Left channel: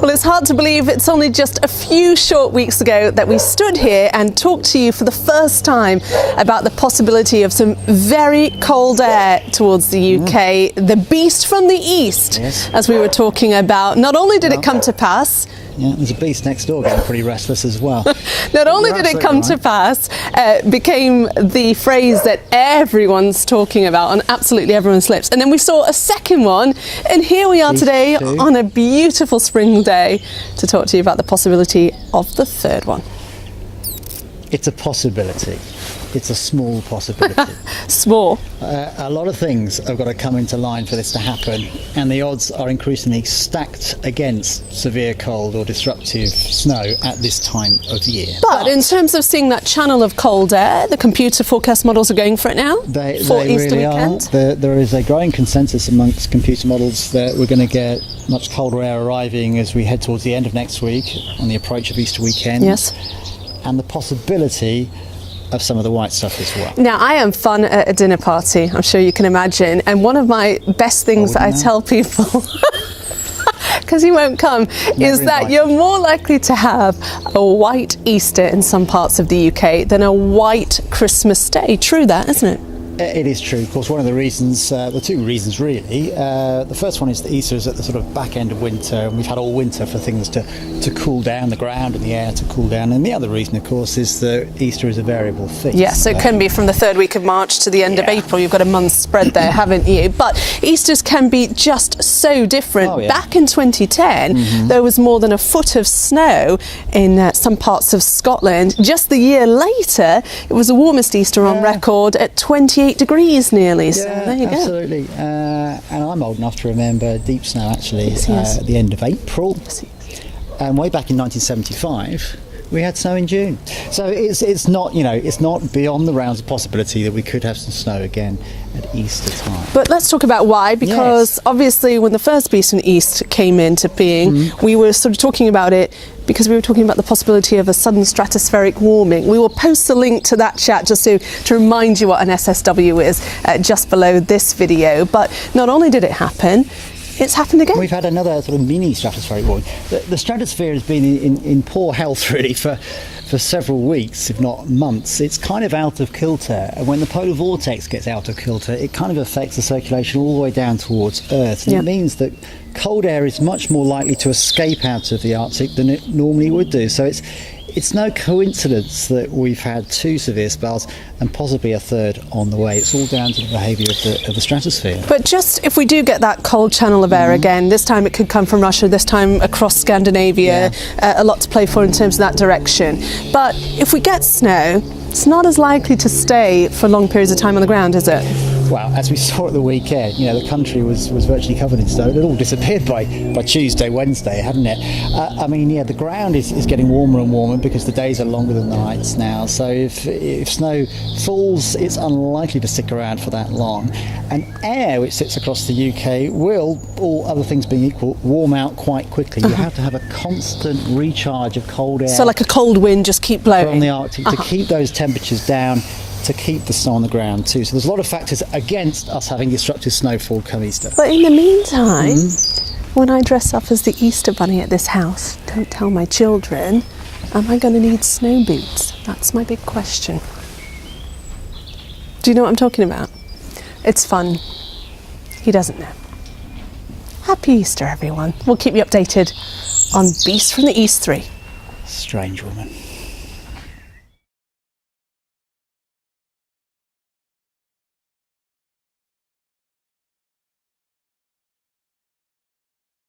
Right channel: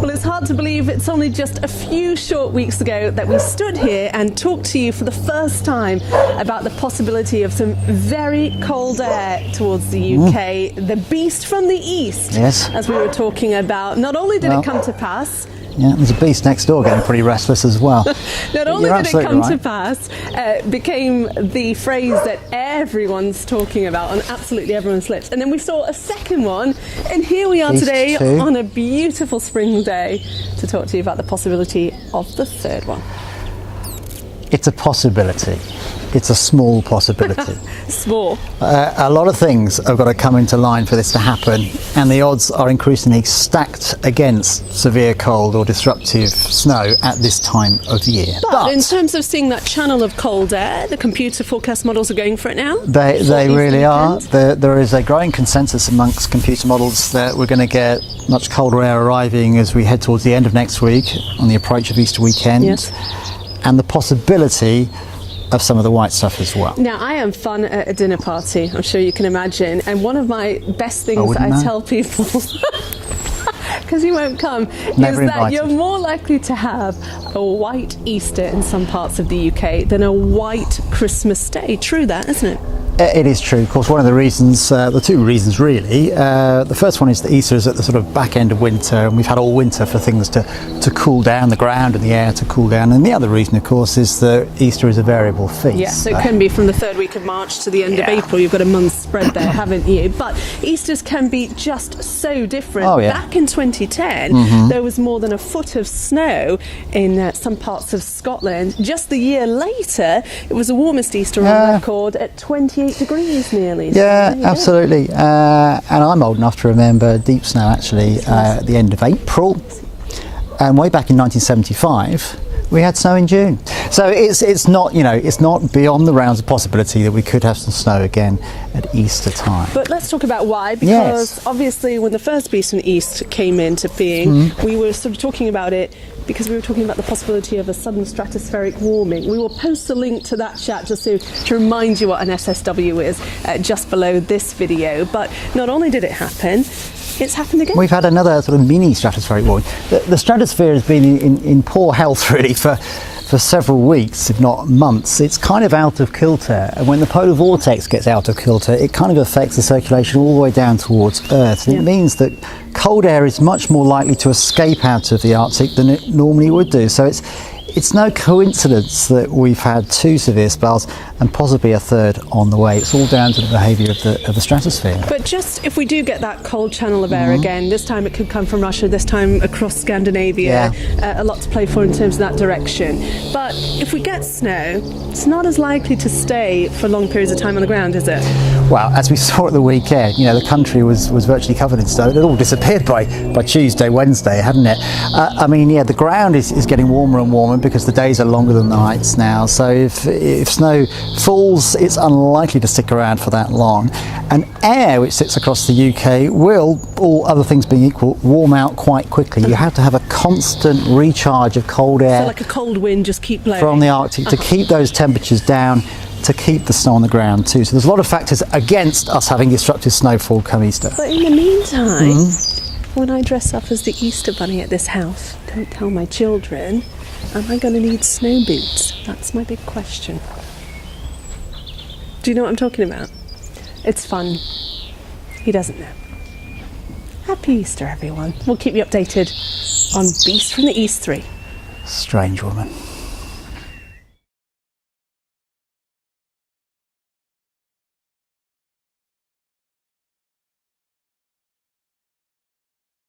Well, it's hard to believe it's only just a few short weeks ago that we stood here and talked to you for the first time about the possibility of some very cold air towards the UK, the beast from the east, as we were talking about. Not only did it come to pass, there's a beast next door getting pretty restless as well. Not only did it come to pass, became the phrase that everyone's talking about on absolutely everyone's lips. And then we saw a second one, and here we are today on a beautiful spring day to talk to you about the possibility of the third one. It's a possibility. It's a small possibility. Small. A lot of things have got to come into line for this to happen, and the odds are increasingly stacked against severe cold or disruptive snow at this time of year. But in terms of seeing that channel of cold air, the computer forecast models are going for it now. They really are. There is a growing consensus amongst computer models that we're going to get much colder air arriving as we head towards the end of next week on the approach of Easter weekend. Yes. And the possibility of some of the white stuff as well. Now, I am fun at a dinner party, I'm sure you can imagine, and one of my best things that I tell people, because you won't come, is that you're more likely to have a white Easter in some parts of the UK than a white Christmas Day. True that, isn't it? It is true. Of course, one of the reasons, the two reasons really, the first one is that Easter is at the sort of back end of winter, and we've had all winter for things to cool down, the ground and the air to cool down. And the other reason, of course, is that Easter is a variable feast. Yes, so it can be from the third week of March to the end of April. You've got a month's spread there, haven't you? But Easters can be just so different. Back in 2010, there was more than a foot of snow in some parts of Scotland. Just the year later, it was the warmest Easter on record at 28 degrees nearly. So absolutely. And I'm old enough to remember deep snow actually at the end of April. And way back in 1975, we had snow in June. So it's not, it's not beyond the realms of possibility that we could have some snow again at Easter time. But let's talk about why, because obviously when the first beast from the east came into being, we were sort of talking about it because we were talking about the possibility of a sudden stratospheric warming. We will post a link to that chat just to remind you what an SSW is just below this video. But not only did it happen, it's happened again. We've had another sort of mini stratospheric warming. The stratosphere has been in poor health really for several weeks, if not months. It's kind of out of kilter, and when the polar vortex gets out of kilter, it kind of affects the circulation all the way down towards Earth. And it means that cold air is much more likely to escape out of the Arctic than it normally would do. So it's no coincidence that we've had two severe spells and possibly a third on the way. It's all down to the behaviour of the stratosphere. But just if we do get that cold channel of air again, this time it could come from Russia, this time across Scandinavia, a lot to play for in terms of that direction. But if we get snow, it's not as likely to stay for long periods of time on the ground, is it? Well, as we saw at the weekend, the country was virtually covered in snow. It all disappeared by Tuesday, Wednesday, hadn't it? The ground is getting warmer and warmer because the days are longer than the nights now. So if snow falls, it's unlikely to stick around for that long. And air, which sits across the UK, will, all other things being equal, warm out quite quickly. You have to have a constant recharge of cold air. So like a cold wind, just keep blowing. From the Arctic to keep those temperatures down, to keep the snow on the ground too. So there's a lot of factors against us having disruptive snowfall come Easter. But in the meantime, when I dress up as the Easter bunny at this house, don't tell my children, am I going to need snow boots? That's my big question. Do you know what I'm talking about? It's fun. He doesn't know. Happy Easter, everyone. We'll keep you updated on Beast from the East 3. Strange woman.